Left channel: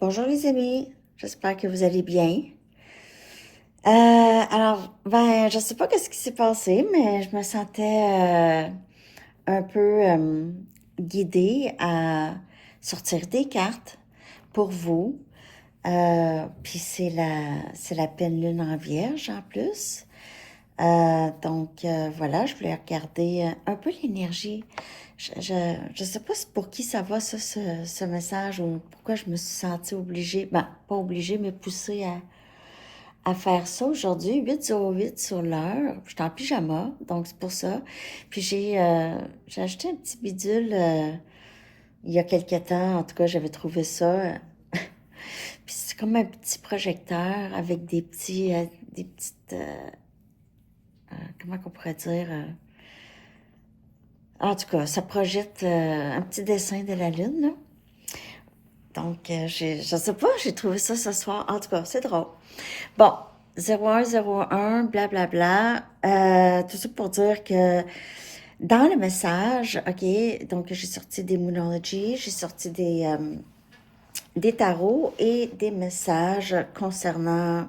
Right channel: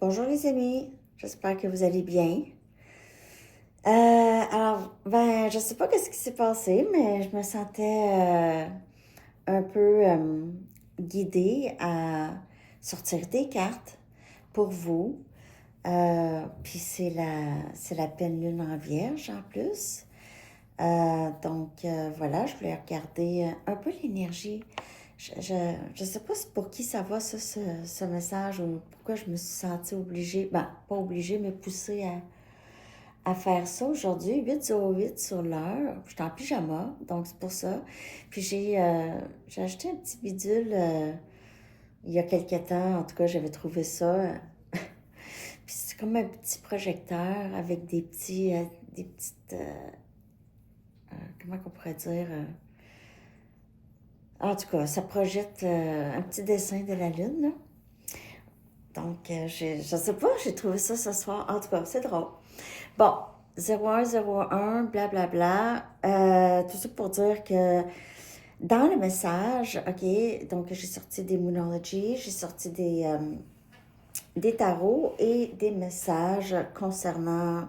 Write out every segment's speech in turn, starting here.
Bonjour les amis, j'espère que vous allez bien. Je sais pas qu'est-ce qui s'est passé, mais je me sentais un peu guidée à sortir des cartes pour vous. Puis c'est la pleine lune en Vierge en plus. Voilà, je voulais regarder un peu l'énergie. Je sais pas pour qui ça va, ça, ce message, ou pourquoi je me suis sentie obligée, ben, pas obligée, mais poussée à faire ça aujourd'hui, 8:08 sur l'heure. Je suis en pyjama, donc c'est pour ça. Puis j'ai acheté un petit bidule il y a quelque temps, en tout cas, j'avais trouvé ça. Puis c'est comme un petit projecteur avec des petites, comment qu'on pourrait dire, en tout cas, ça projette un petit dessin de la Lune, là. Je sais pas, j'ai trouvé ça ce soir. En tout cas, c'est drôle. Bon, 0101, blablabla. Tout ça pour dire que dans le message, OK, donc j'ai sorti des Moonology, j'ai sorti des tarots et des messages concernant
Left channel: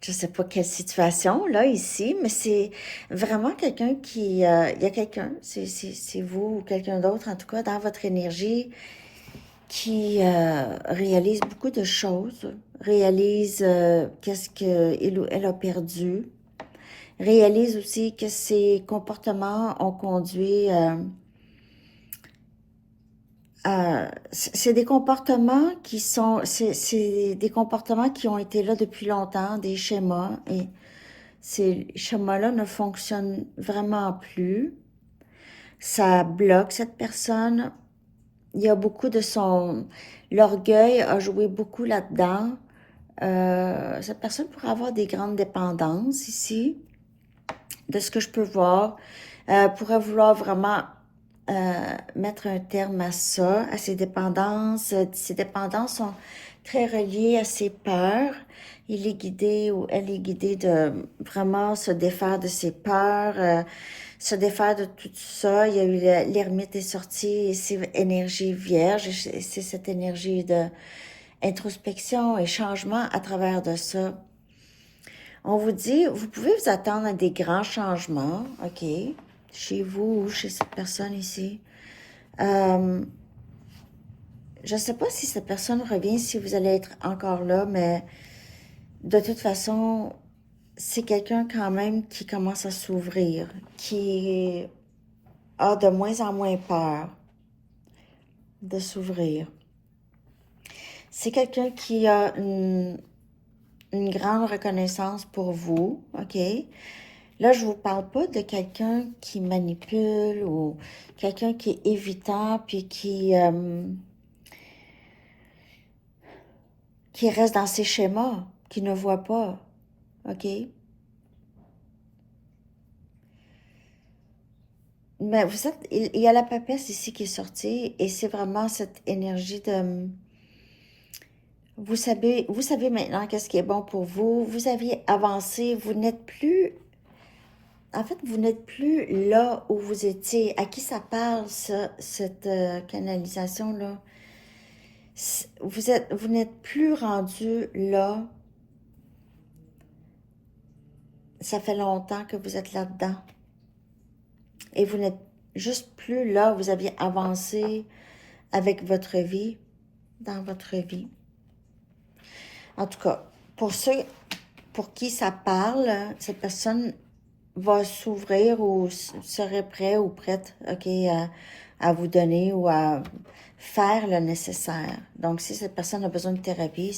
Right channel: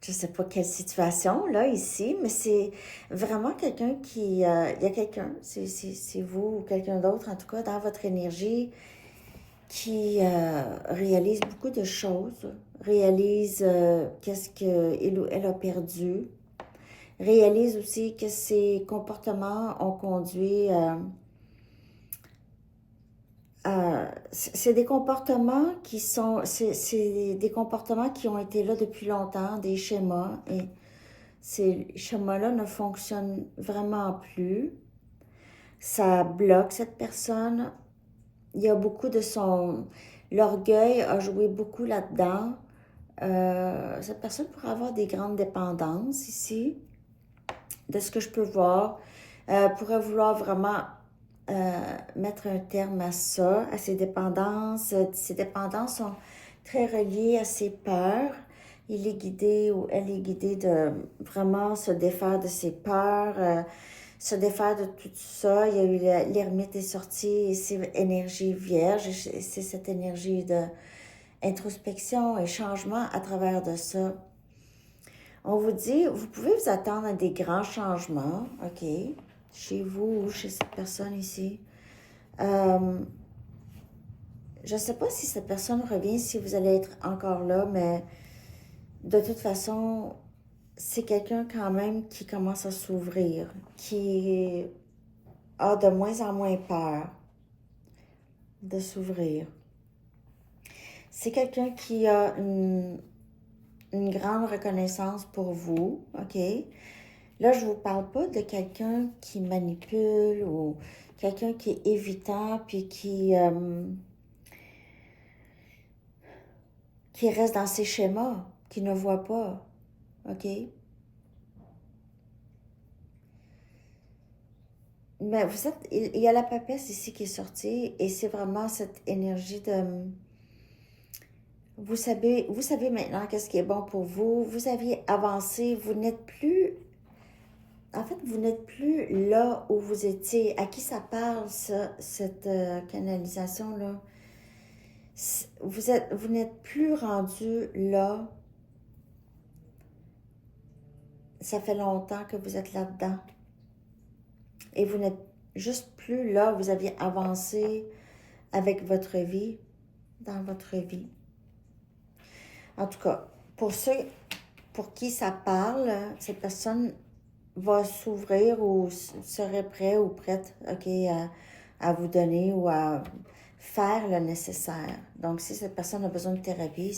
je sais pas quelle situation, là, ici, mais c'est vraiment quelqu'un il y a quelqu'un, c'est vous ou quelqu'un d'autre, en tout cas, dans votre énergie, qui réalise beaucoup de choses, réalise qu'est-ce qu'il ou elle a perdu, réalise aussi que ses comportements ont conduit c'est des comportements c'est des comportements qui ont été là depuis longtemps, des schémas, et ces schémas-là ne fonctionnent vraiment plus. Ça bloque cette personne. Il y a beaucoup de son... L'orgueil a joué beaucoup là-dedans. Cette personne pourrait avoir des grandes dépendances ici, de ce que je peux voir. Pourrait vouloir vraiment mettre un terme à ça, à ses dépendances. Ses dépendances sont très reliées à ses peurs. Il est guidé ou elle est guidée de vraiment se défaire de ses peurs, se défaire de tout ça. Il y a eu l'ermite est sorti et c'est énergie vierge, c'est cette énergie de introspection et changement à travers de ça. On vous dit, vous pouvez vous attendre à des grands changements, OK, chez vous ou chez cette personne ici. Euh, je ne sais pas si cette personne revient, si vous allez être encore là, mais de toute façon, c'est quelqu'un quand même qui commence à s'ouvrir, qui a de moins en moins peur de s'ouvrir. C'est quelqu'un qui a une grande reconnaissance pour vous, OK? Là, je ne vous parle pas de quelqu'un qui manipule ou quelqu'un qui est évitant puis qui reste dans ses schémas, qui ne voit pas, OK? Mais vous êtes, il y a la papesse ici qui est sortie et c'est vraiment cette énergie de, vous savez maintenant qu'est-ce qui est bon pour vous, vous aviez avancé, vous n'êtes plus, en fait, vous n'êtes plus là où vous étiez. À qui ça parle, ça, cette canalisation-là? Vous n'êtes plus rendu là. Ça fait longtemps que vous êtes là-dedans. Et vous n'êtes juste plus là. Vous aviez avancé avec votre vie, dans votre vie. En tout cas, pour ceux pour qui ça parle, cette personne va s'ouvrir ou serait prêt ou prête, OK, à vous donner ou à faire le nécessaire. Donc, si cette personne a besoin de thérapie,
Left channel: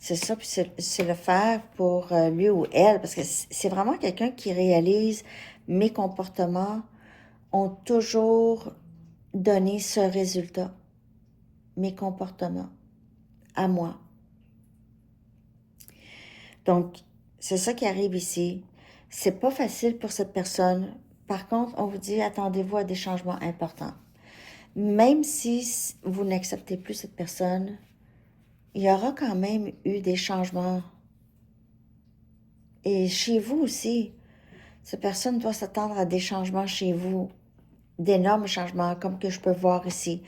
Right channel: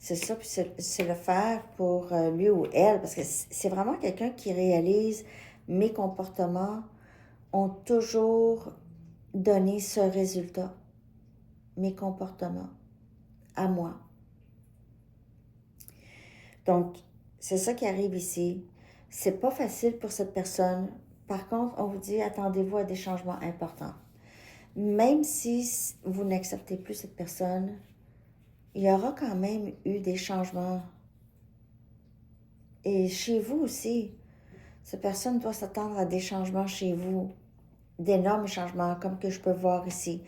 c'est ça, puis c'est le faire pour lui ou elle, parce que c'est vraiment quelqu'un qui réalise mes comportements ont toujours donné ce résultat, mes comportements, à moi. Donc, c'est ça qui arrive ici. C'est pas facile pour cette personne. Par contre, on vous dit, attendez-vous à des changements importants. Même si vous n'acceptez plus cette personne, il y aura quand même eu des changements. Et chez vous aussi, cette personne doit s'attendre à des changements chez vous d'énormes changements, comme que je peux voir ici.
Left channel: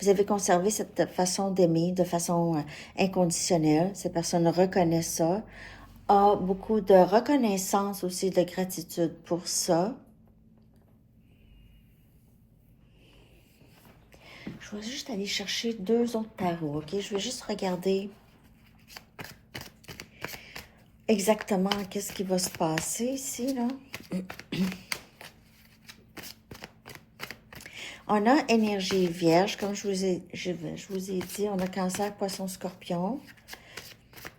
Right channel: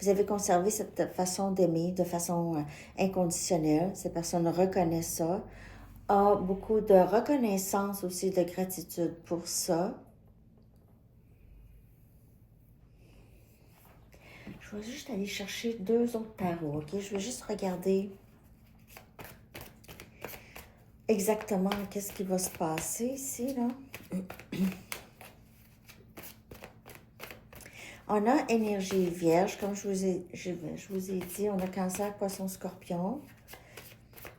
Vous avez conservé cette façon d'aimer de façon inconditionnelle. Cette personne reconnaît ça, a beaucoup de reconnaissance aussi, de gratitude pour ça. Je vais juste aller chercher 2 autres tarots, ok? Je vais juste regarder exactement qu'est-ce qui va se passer ici, là. On a énergie vierge, comme je vous ai dit, on a cancer, poisson, scorpion,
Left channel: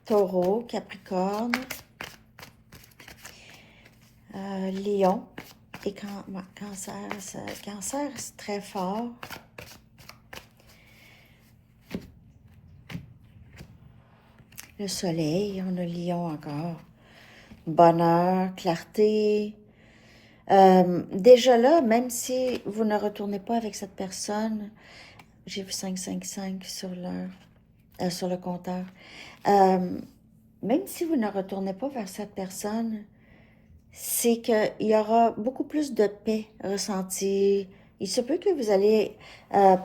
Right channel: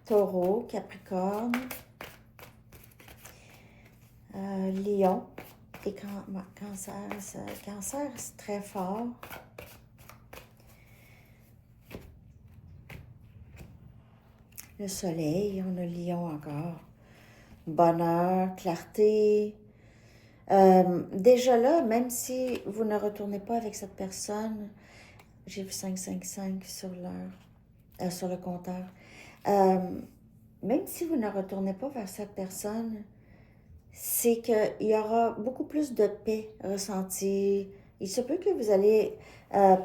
taureau, capricorne, lion et cancer. Cancer, c'est très fort. Le soleil, on a lion encore. Bonheur, clarté. Déjà là, même si vous ne retournez pas avec cette personne, j'ai vu 555 sur sur le compteur. Même si vous ne retournez pas vers cette personne, c'est qu'il y aura beaucoup plus de paix ressentie. Il se peut que vous allez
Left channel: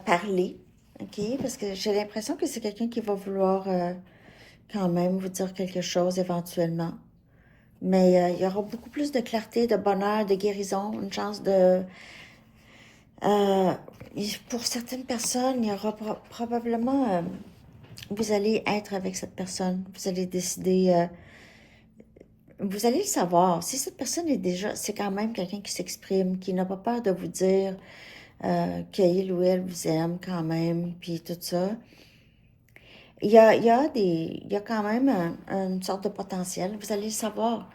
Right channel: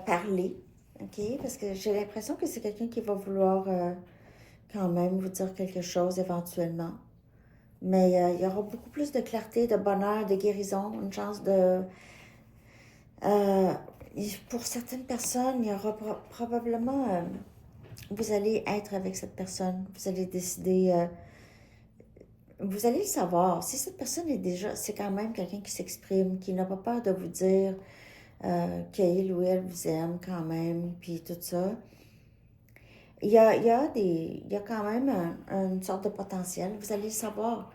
parler, ok? Parce que j'ai l'impression que c'est quelqu'un qui va vouloir quand même vous dire quelque chose éventuellement. Mais il y aura beaucoup plus de clarté, de bonheur, de guérison, une chance de... pour certaines personnes, il y aura probablement... vous allez être avec cette personne. Vous allez décider... vous allez le savoir. Si cette personne est déjà... C'est quand même quelqu'un qui s'exprime, qui n'a pas peur de vous dire qu'il ou elle vous aime quand même, puis tout ça. Il y a quand même une sorte de potentiel. Vous allez le savoir.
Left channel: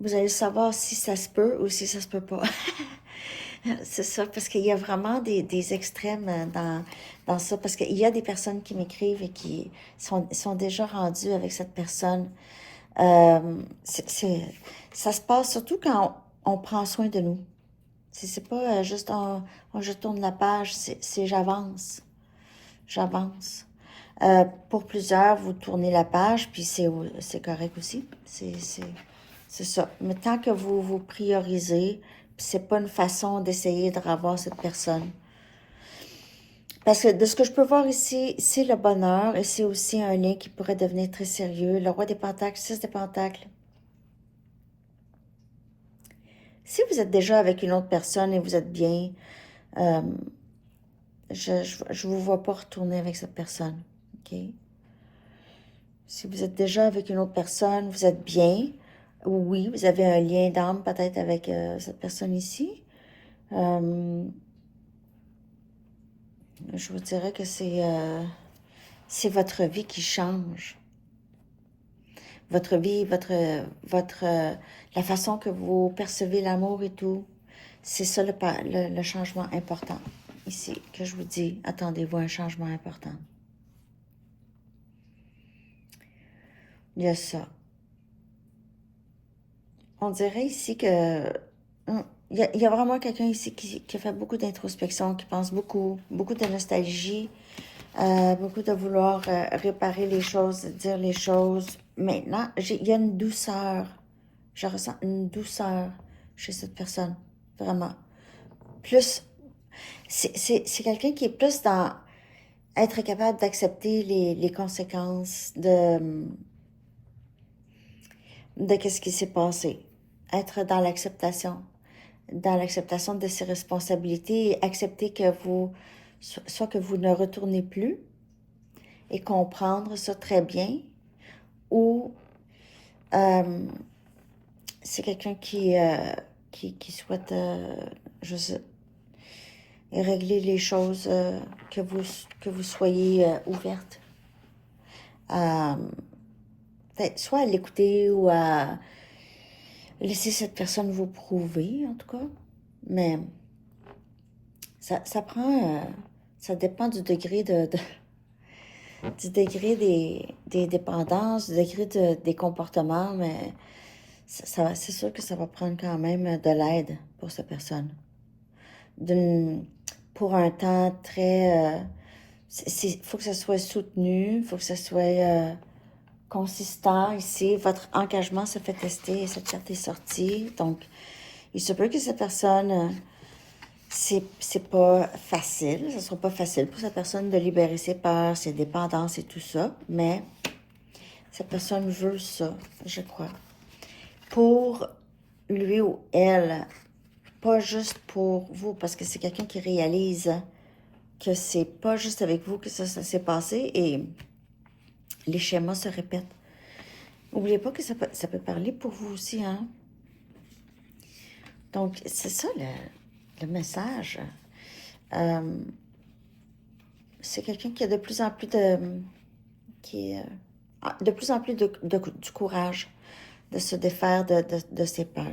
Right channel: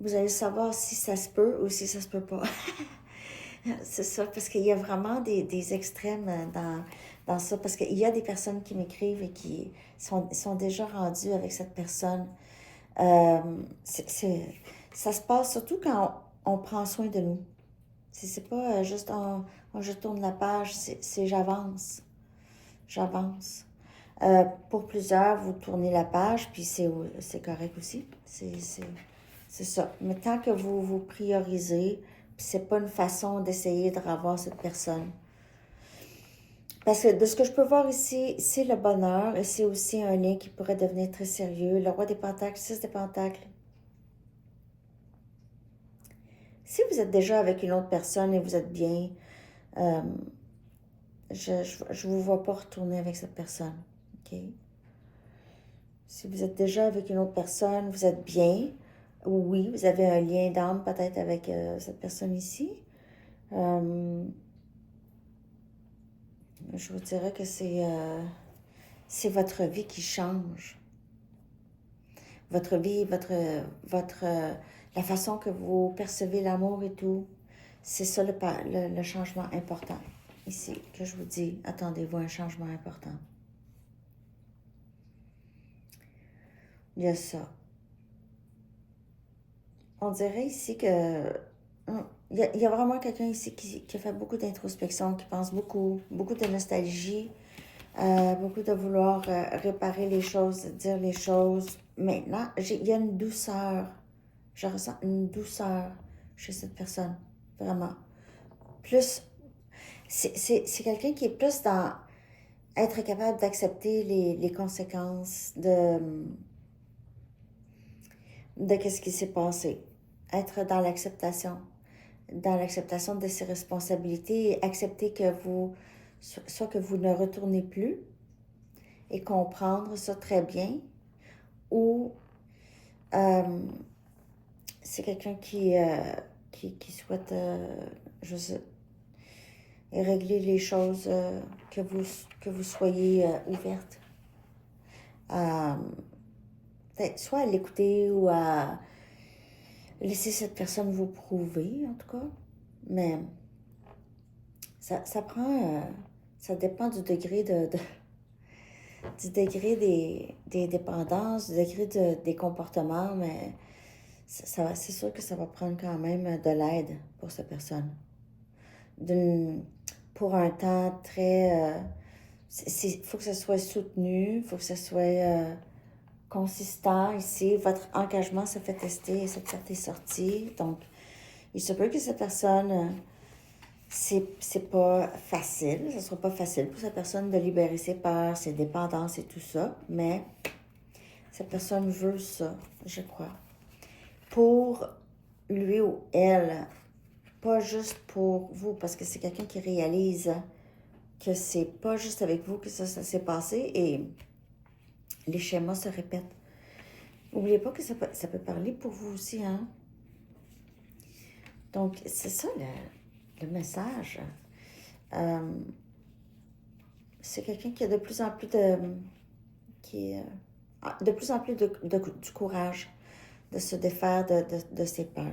Vous allez savoir si ça se peut ou si ça se peut pas. C'est ça, parce qu'il y a vraiment des extrêmes dans ça. Parce qu'il y a des personnes qui m'écrivent et qui sont déjà rendues avec cette personne. Euh, ça se passe surtout quand on prend soin de nous. C'est pas juste je tourne la page, c'est j'avance. J'avance. Pour plusieurs, vous tournez la page, puis c'est correct aussi. C'est ça. Mais tant que vous vous priorisez, c'est pas une façon d'essayer de revoir cette personne. Parce que de ce que je peux voir ici, c'est le bonheur et c'est aussi un lien qui pourrait devenir très sérieux. Le roi des pentacles, 6 des pentacles. Si vous êtes déjà avec une autre personne et vous êtes bien, euh, je vous vois pas retourner avec cette personne. OK? Si vous êtes déjà avec une autre personne, vous êtes bien. Oui, vous avez un lien d'âme peut-être avec cette personne ici. Je vous dirais que c'est votre vie qui change. Votre vie, la façon que vous percevez l'amour et tout. C'est ça le changement important ici, que je vous dis. Attendez-vous à un changement important. Il y a ça. On dirait ici que... Il y a vraiment quelqu'un ici qui a fait beaucoup d'introspection, qui pense beaucoup, beaucoup de nostalgie, beaucoup de vouloir réparer les choses, dire les choses. Maintenant, il y a une douceur. Je ressens une douceur chez cette personne, vraiment. Plus, c'est quelqu'un qui est plus dans être capable d'accepter les conséquences de qu'est-ce qui s'est passé. Être dans l'acceptation de ses responsabilités et accepter que soit que vous ne retournez plus et comprendre ça très bien, ou c'est quelqu'un qui souhaite régler les choses, que vous soyez ouverte à peut-être soit à l'écouter ou à laisser cette personne vous prouver, en tout cas. Mais ça prend... ça dépend du degré du degré des dépendances, du degré des comportements, mais c'est sûr que ça va prendre quand même de l'aide pour cette personne. Pour un temps très... faut que ça soit soutenu, il faut que ça soit consistant ici. Votre engagement se fait tester et cette carte est sortie. Donc, il se peut que cette personne c'est pas facile, ce sera pas facile pour cette personne de libérer ses peurs, ses dépendances et tout ça, mais cette personne veut ça, je crois. Pour lui ou elle, pas juste pour vous, parce que c'est quelqu'un qui réalise que c'est pas juste avec vous que ça s'est passé et les schémas se répètent. N'oubliez pas que ça peut parler pour vous aussi, hein? Donc, c'est ça le message. Euh, c'est quelqu'un qui a de plus en plus de plus en plus du courage de se défaire de ses peurs.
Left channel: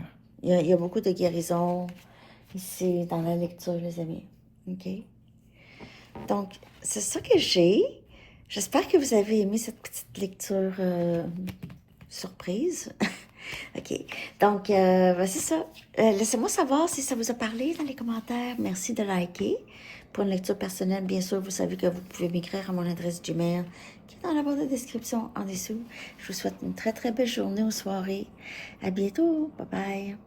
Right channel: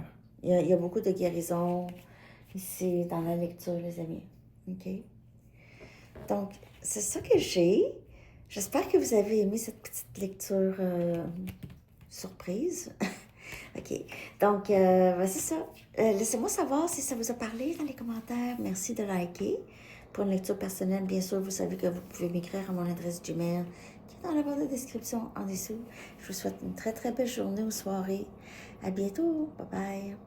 Il y a beaucoup de guérison ici dans la lecture, les amis. OK? Donc, c'est ça que j'ai. J'espère que vous avez aimé cette petite lecture surprise. OK. Donc, c'est ça. Laissez-moi savoir si ça vous a parlé dans les commentaires. Merci de liker. Pour une lecture personnelle, bien sûr, vous savez que vous pouvez m'écrire à mon adresse Gmail qui est dans la barre de description en dessous. Je vous souhaite une très, très belle journée ou soirée. À bientôt. Bye bye.